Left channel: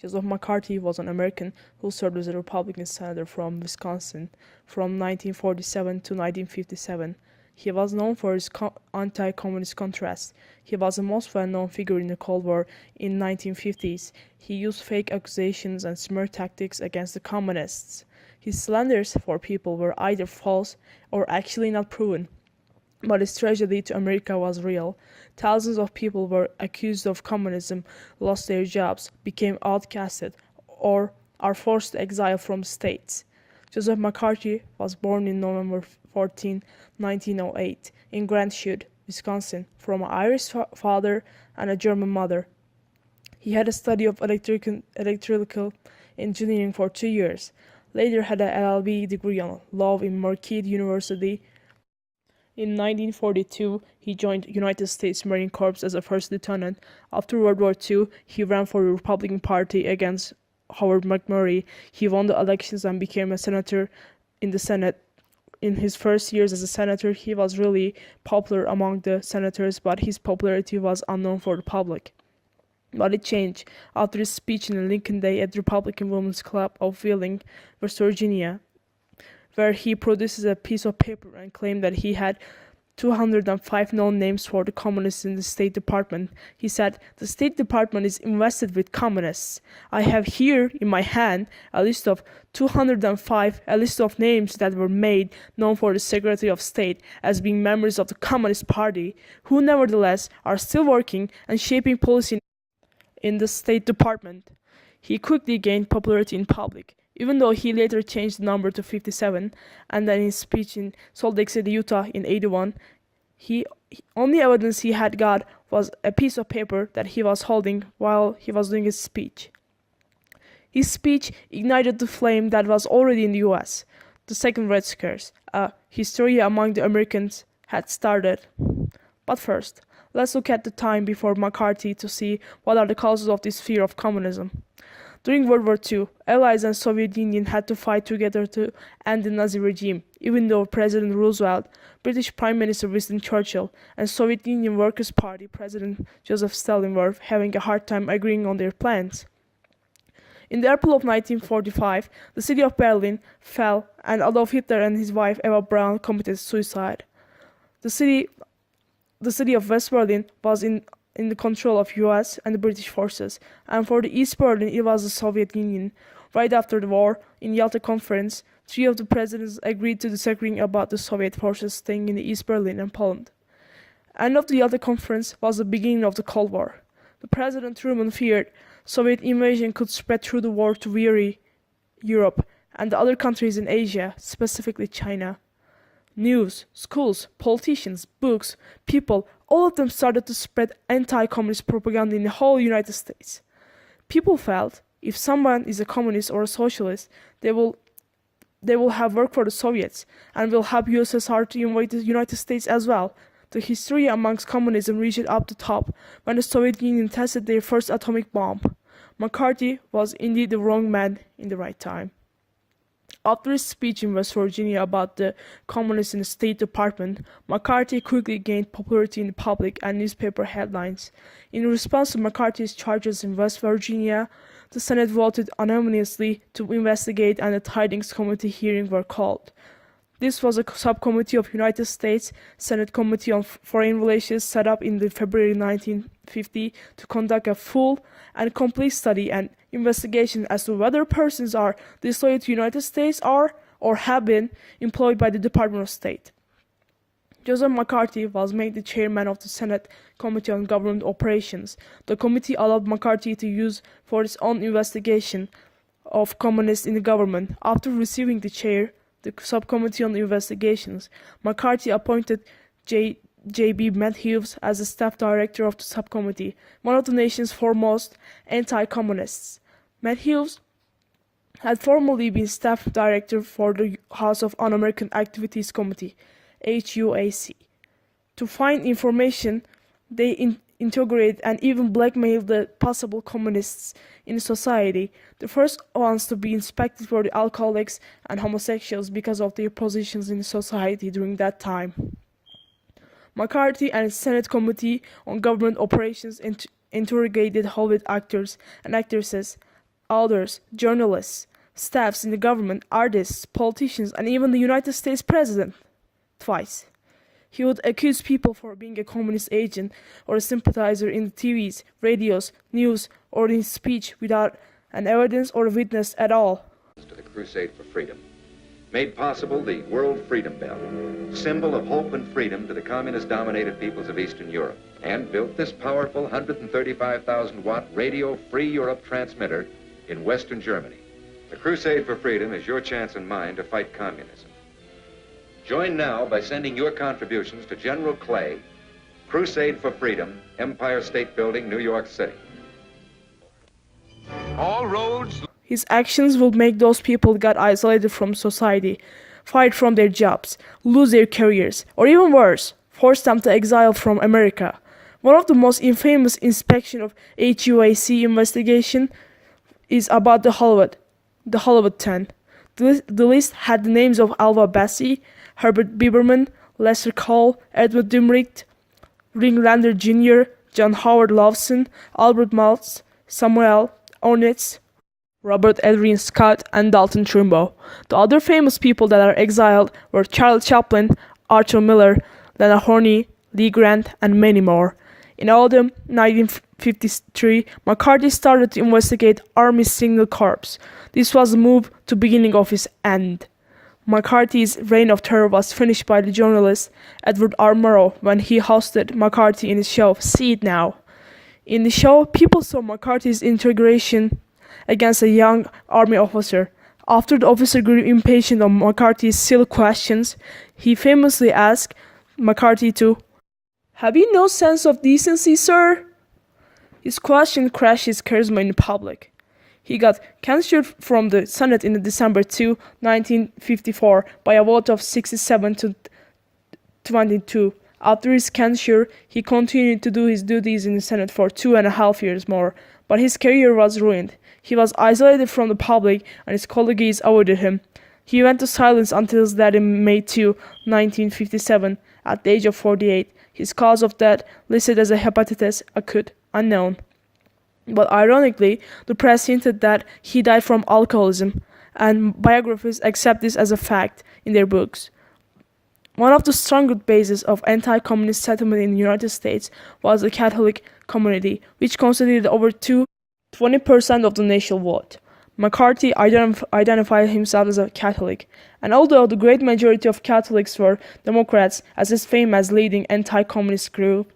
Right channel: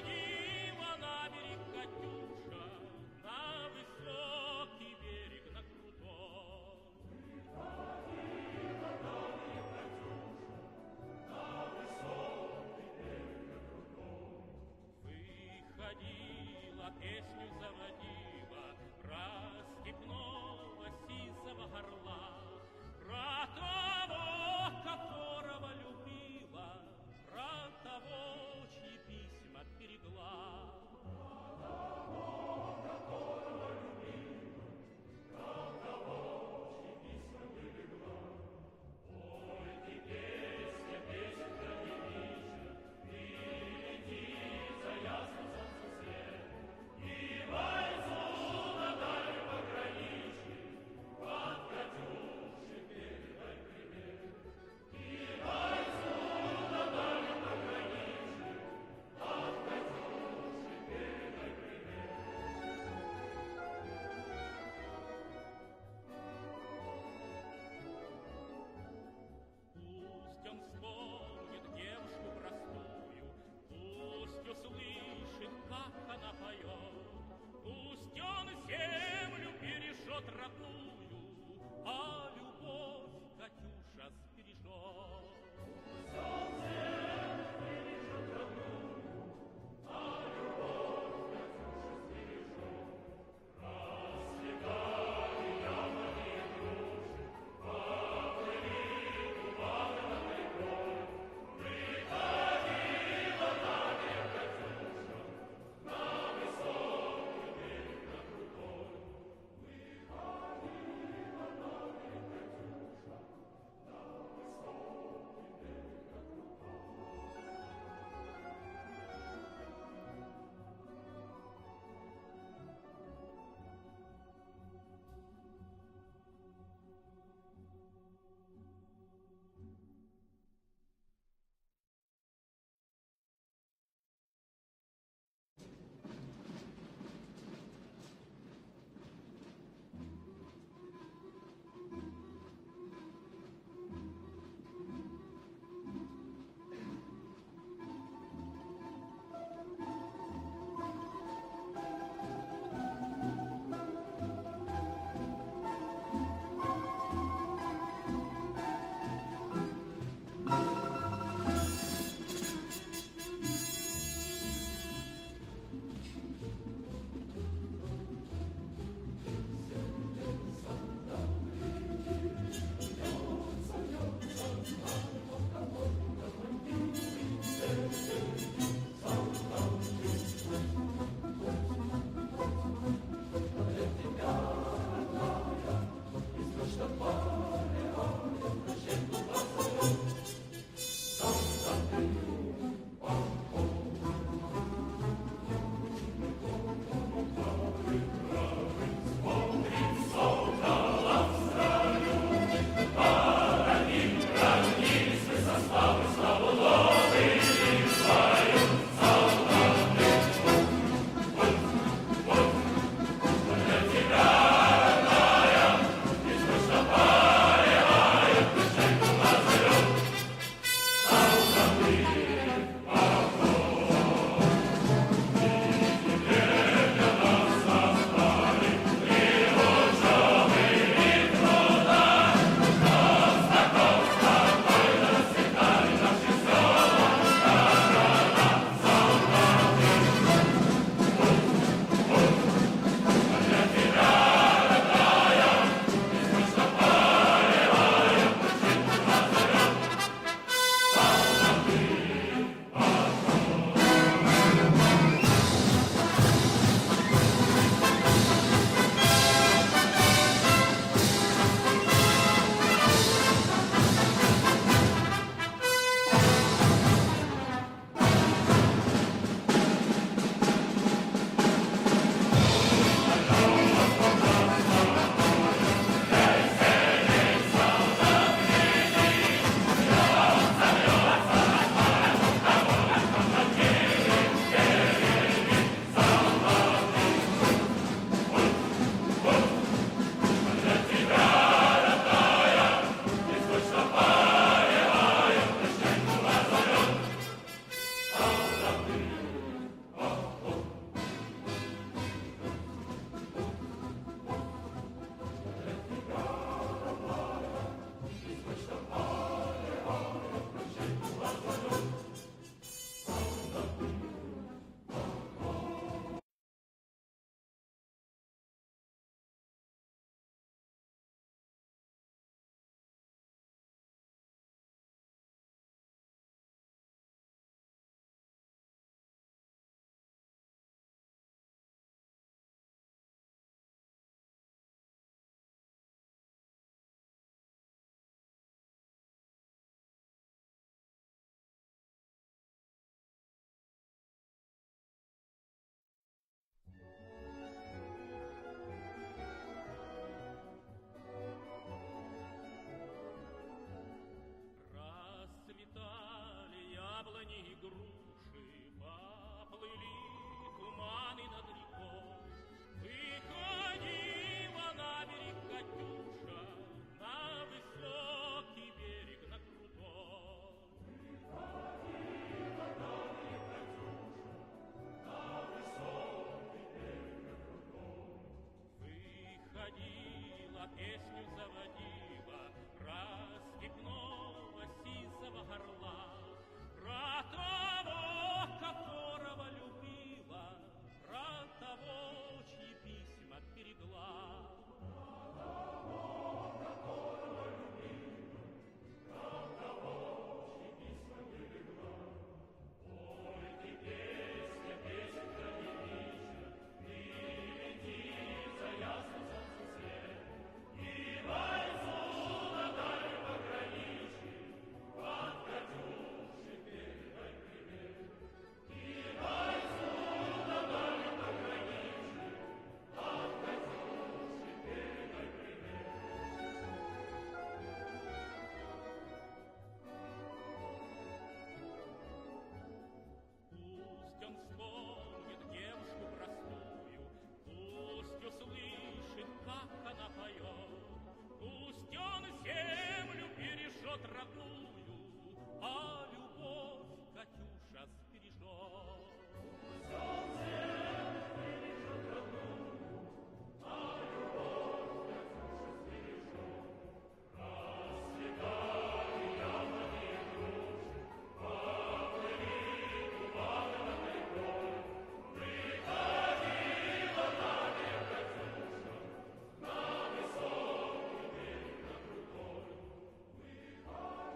Joseph McCarthy was an American who served as a Republican senator from Wisconsin from 1947 to 1957. He was known for his anti-communist contrast. He was the most well-known figure in the Cold War in the 1950s. He used fake accusations and smear tactics against the communists. His slanders for people were either false or actually not proven. But his tragedy to America was real. Thousands of people were accused of communism, lost their jobs, became outcasted, or are forced to exile from states. Joseph McCarthy was born in November 14, 1908, in Grand Chute, Wisconsin, from an Irish father and a German mother. He had a study of electrical engineering for 2 years. Later had an LLB degree on law in Marquette University. In 1942, he joined United States Marine Corps as a first lieutenant. After World War II, he ran for the Republican Party against Howard McMurray. He won the elections and became a senator in the Senate. In his first years as a senator, he was really popular among the senators, but his popularity was unknown for the public. But it changed after his speech in Lincoln Day at the Republican Women's Club of Wheeling, West Virginia, where he produces a piece of paper and claimed that he had 205 known names for the communists in the State Department. He said, "The State Department is invested with communists. I have here in my hand a list of 205, a list of names that were made known for the Secretary of State as being members of the Communist Party, who nevertheless are still working and shaping policy in the State Department." He quickly gained popularity in public, even though he later changed the number to 57, and then in his speech in Salt Lake City, Utah in 81, only evidence he had got was a piece of paper that he was holding while he was doing his speech. His speech ignited the flame that was already in the US. The second Red Scare, a hysteria among the Americans, had started. But first, let's look at the time before McCarthy to see what are the causes of this fear of communism. During World War II, Allies and Soviet Union had to fight together to end the Nazi regime, even though President Roosevelt, British Prime Minister Winston Churchill, and Soviet Union Workers' Party President Joseph Stalin were having a hard time agreeing on their plans. In the April of 1945, the city of Berlin fell, and Adolf Hitler and his wife Eva Braun committed suicide. The city of West Berlin was in the control of US and the British forces, and for the East Berlin it was the Soviet Union. Right after the war, in Yalta Conference, 3 of the presidents agreed to disagreeing about the Soviet forces staying in the East Berlin and Poland. End of the Yalta Conference was the beginning of the Cold War. President Truman feared Soviet invasion could spread through the war to weary Europe and the other countries in Asia, specifically China. News, schools, politicians, books, people, all of them started to spread anti-communist propaganda in the whole United States. People felt if someone is a communist or a socialist, they will have worked for the Soviets and will help USSR to invade the United States as well. The hysteria amongst communism reached up to top when the Soviet Union tested their first atomic bomb. McCarthy was indeed the wrong man at the right time. After his speech in West Virginia about the communists in the State Department, McCarthy quickly gained popularity in public and newspaper headlines. In response to McCarthy's charges in West Virginia, the Senate voted unanimously to investigate and a tidings committee hearing were called. This was a subcommittee of the United States Senate Committee on Foreign Relations set up in February 1950 to conduct a full and complete study and investigation as to whether persons are disloyal to the United States are or have been employed by the Department of State. President McCarthy was made the chairman of the Senate Committee on Government Operations. The committee allowed McCarthy to use for its own investigation of communists in the government. After receiving the chair of the subcommittee on investigation, McCarthy appointed J.B. Matthews as the staff director of the subcommittee, one of the nation's foremost anti-communists. Matthews had formerly been staff director for the House of Un-American Activities Committee, HUAC. To find information, they interrogate and even blackmail the possible communists in the society. The first ones to be inspected were the alcoholics and homosexuals because of their positions in society during that time. McCarthy and Senate Committee on Government Operations interrogated Hollywood actors and actresses authors, journalists, staffs in the government, artists, politicians, and even the United States President. Twice. He would accuse people for being a communist agent or a sympathizer in the TVs, radios, news, or in speech without an evidence or a witness at all. To the crusade for freedom, made possible the World Freedom Bell, symbol of hope and freedom to the communist-dominated peoples of Eastern Europe, and built this powerful 135,000-watt Radio Free Europe transmitter in Western Germany. The crusade for freedom is your chance and mine to fight communism. Join now by sending your contributions to General Clay, Crusade for Freedom, Empire State Building, New York City. All roads. His actions will make those people get isolated from society, fired from their jobs, lose their careers, or even worse, force them to exile from America. One of the most infamous inspection of HUAC investigation is about the Hollywood 10. The list had the names of Alva Bassi, Herbert Biberman, Lester Cole, Edward Dimricht, Ringlander Jr., John Howard Lawson, Albert Maltz, Samuel Ornitz, Robert Adrian Scott, and Dalton Trumbo. The other famous people that are exiled were Charles Chaplin, Arthur Miller, Lena Horney, Lee Grant, and many more. In autumn 1953, McCarthy started to investigate Army's Signal Corps. This was the move to beginning of his end. McCarthy's reign of terror was finished by the journalist Edward R. Murrow when he hosted McCarthy in his show See It Now. In the show, people saw McCarthy's interrogation against a young army officer. After the officer grew impatient of McCarthy's silly questions, he famously asked McCarthy to, "Have you no sense of decency, sir?" His question crashed his charisma in the public. He got censured from the Senate in December 2, 1954 by a vote of 67 to 22. After his censure, he continued to do his duties in the Senate for 2.5 years more, but his career was ruined. He was isolated from the public and his colleagues avoided him. He went to silence until his death in May 2, 1957, at the age of 48. His cause of death listed as a hepatitis acute, unknown. But ironically, the press hinted that he died from alcoholism, and biographers accept this as a fact in their books. One of the strongest bases of anti-communist settlement in the United States was the Catholic community, which constituted over 20% of the national vote. McCarthy identified himself as a Catholic, and although the great majority of Catholics were Democrats, as his fame as leading anti-communist grew,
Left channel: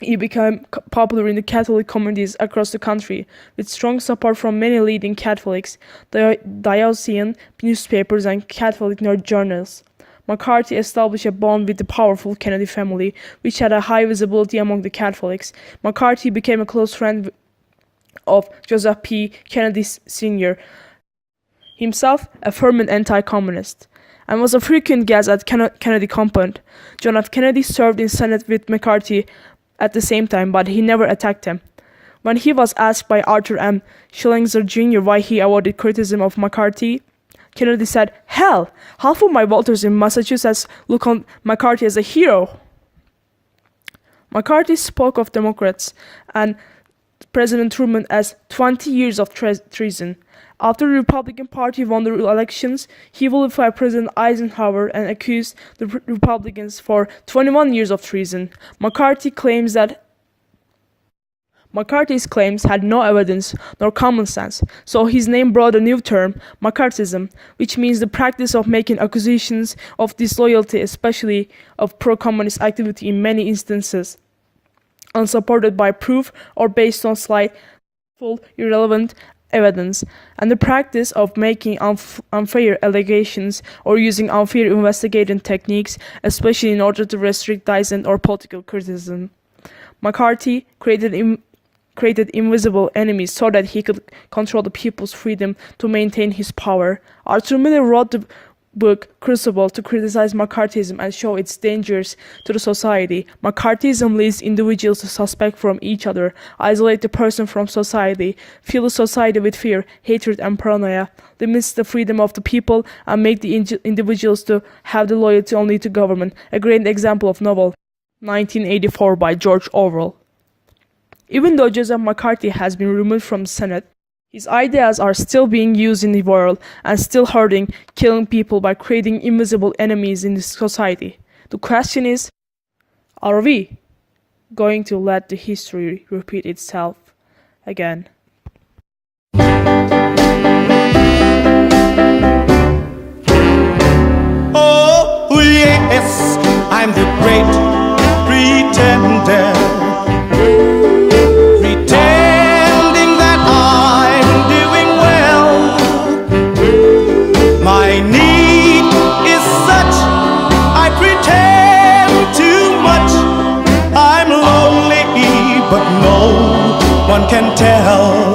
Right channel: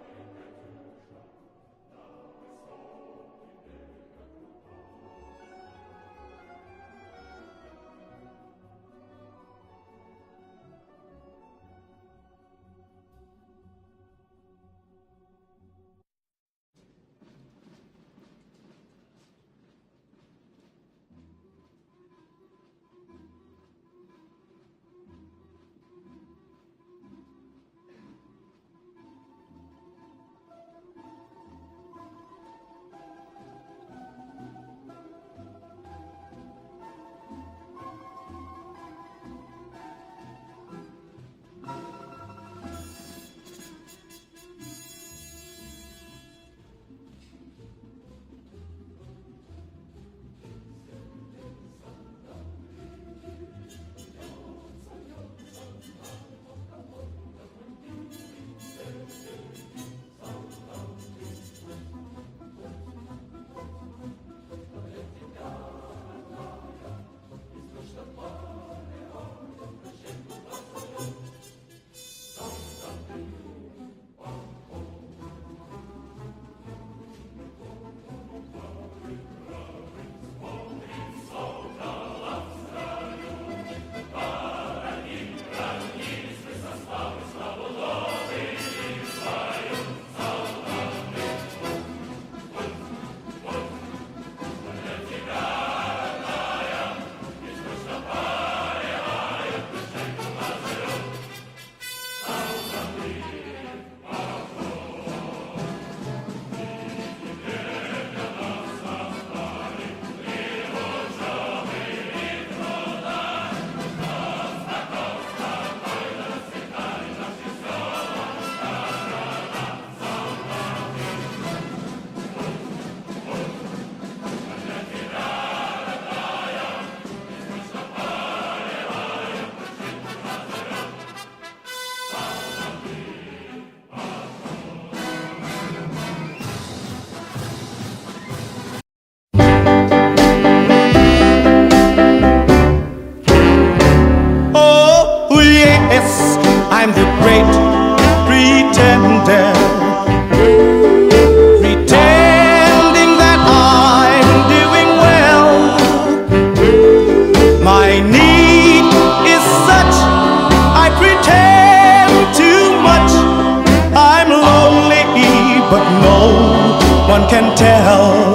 he became popular in the Catholic communities across the country, with strong support from many leading Catholics, diocesan newspapers, and Catholic journals. McCarthy established a bond with the powerful Kennedy family, which had a high visibility among the Catholics. McCarthy became a close friend of Joseph P. Kennedy Sr., himself a fervent anti-communist, and was a frequent guest at Kennedy compound. John F. Kennedy served in Senate with McCarthy at the same time, but he never attacked him. When he was asked by Arthur M. Schillinger Jr. why he avoided criticism of McCarthy, Kennedy said, "Hell, half of my voters in Massachusetts look on McCarthy as a hero." McCarthy spoke of Democrats and President Truman as 20 years of treason. After the Republican Party won the elections, he vilified President Eisenhower and accused the Republicans for 21 years of treason. McCarthy's claims had no evidence nor common sense, so his name brought a new term, McCarthyism, which means the practice of making accusations of disloyalty, especially of pro-communist activity in many instances, unsupported by proof or based on slight, irrelevant evidence, and the practice of making unfair allegations or using unfair investigating techniques, especially in order to restrict dissent or political criticism. McCarthy created invisible enemies so that he could control the people's freedom to maintain his power. Arthur Miller wrote the book Crucible to criticize McCarthyism and show its dangers to the society. McCarthyism leads individuals to suspect from each other, isolate the person from society, fill the society with fear, hatred, and paranoia, limits the freedom of the people, and make the individuals to have the loyalty only to government. A great example of novel 1984 by George Orwell. Even though Joseph McCarthy has been removed from the Senate, His ideas are still being used in the world and still hurting, killing people by creating invisible enemies in this society. The question is, are we going to let the history repeat itself again? Oh, yes, I'm the great pretender, pretending that I'm doing well. My need is such, I pretend too much. I'm lonely, but no one can tell.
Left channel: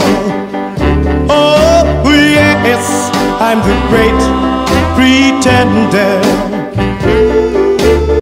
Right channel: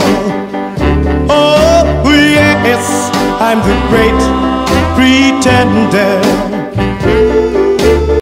Oh, yes, I'm the great pretender.